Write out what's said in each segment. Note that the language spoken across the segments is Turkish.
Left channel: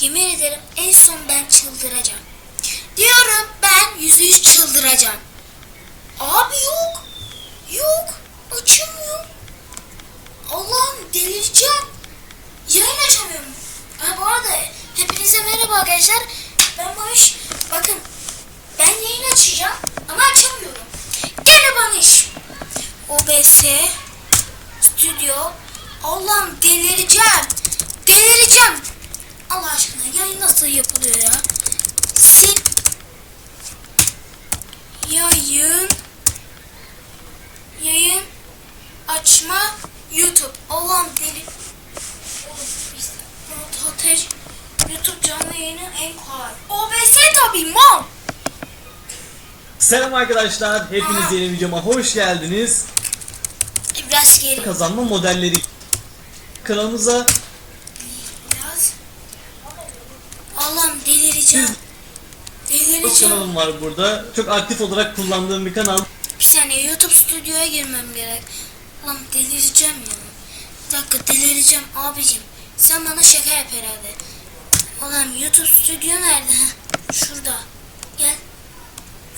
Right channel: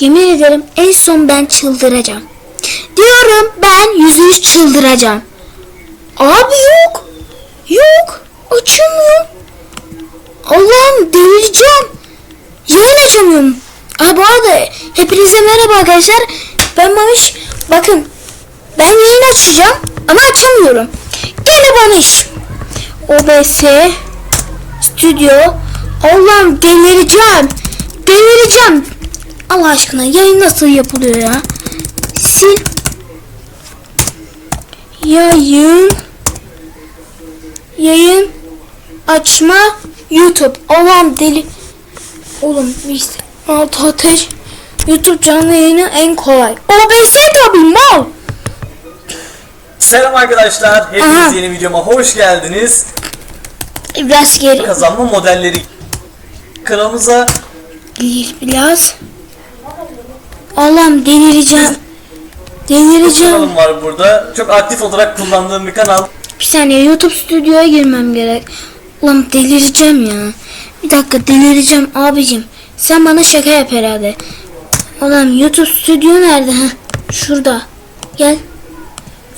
Yemin ederim en son ben çıldıracağım. Diyorum ben yüzde yüz çıldıracağım. Abi yok. Yok. Açamıyorum. Allah'ım delireceğim. Yayın açamıyorum. Aa, bu arada hepinize merhaba arkadaşlar. Ben Maviş. Bakın ben yayın açacağım ama açamıyorum. Gene bana iş. OBS Stüdyo. Allah'ım delireceğim. Delireceğim. Allah aşkına yayın nasıl yapılıyor ya? Sil. Yayın. Yayın. Açma. YouTube. Allah'ım deli. Oğlum işte. Altı ateş. YouTube canlı yayını en kolay. OBS tabii mal. Selam arkadaşlar. Hepiniz Aha. yeni videoma hoş geldiniz. Biraz geri. Kazanma modelleri kanalımıza biraz. Allah'ım delireceğim. Delireceğim. kanalım var burada. Çok aktif olarak kullandığım bir kanal. Bir saniye YouTube stüdyoya girmem gerek. Ulan delireceğim ya. Bir dakika delireceğim abicim. Sen bana şaka yap herhalde. Ulan YouTube stüdyo nerede? Heh, şurada. Gel.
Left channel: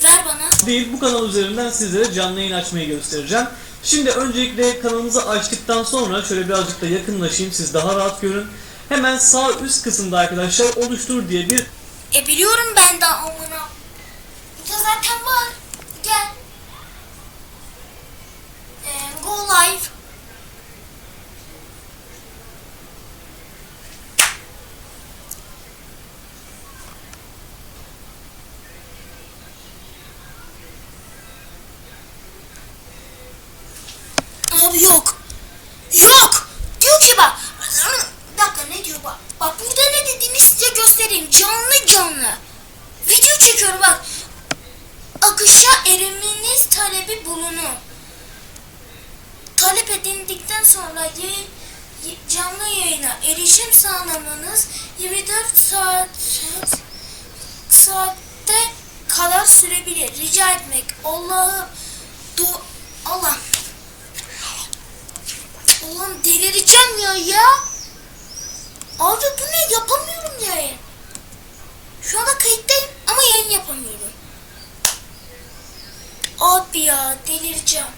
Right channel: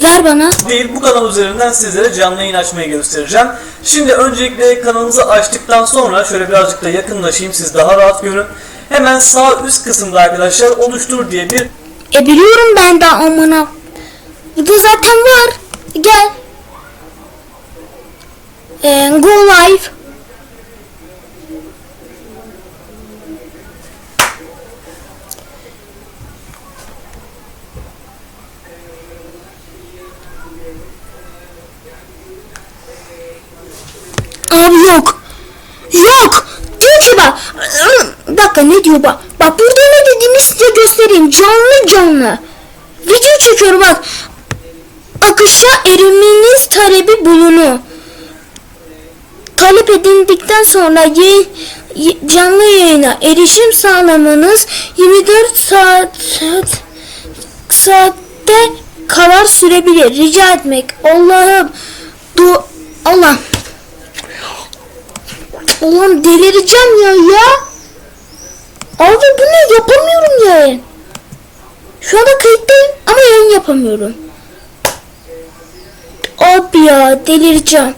Ver bana. Değil bu kanal üzerinden sizlere canlı yayın açmayı göstereceğim. Şimdi öncelikle kanalınızı açtıktan sonra şöyle birazcık da yakınlaşayım siz daha rahat görün. Hemen sağ üst kısımda arkadaşlar oluştur diye bir E biliyorum ben de amına. Burada zaten var. Gel. Ee, go live. Abi. Yok. Diyor ki bak. Bir dakika ne bak. Bak burada ne dediğini size göstereyim. Canlı canlı. Video çekiyorum bak. Akışa eriminiz talebi bulunu. Talep edildikten sonra yayın, y- canlı yayına erişim sağlamanız 24 saat, saat saatte kadar sürebilir. Rica etmek. Allah'ım. Du Allah. Ulan delireceğim ya ya. Abi bu ne yapamıyorum yayın. Şu anda kayıttayım ama yayın yapamıyorum. Abi ya delireceğim.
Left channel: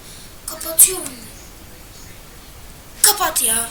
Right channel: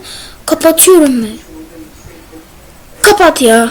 Kapatıyorum ben. Kapat ya.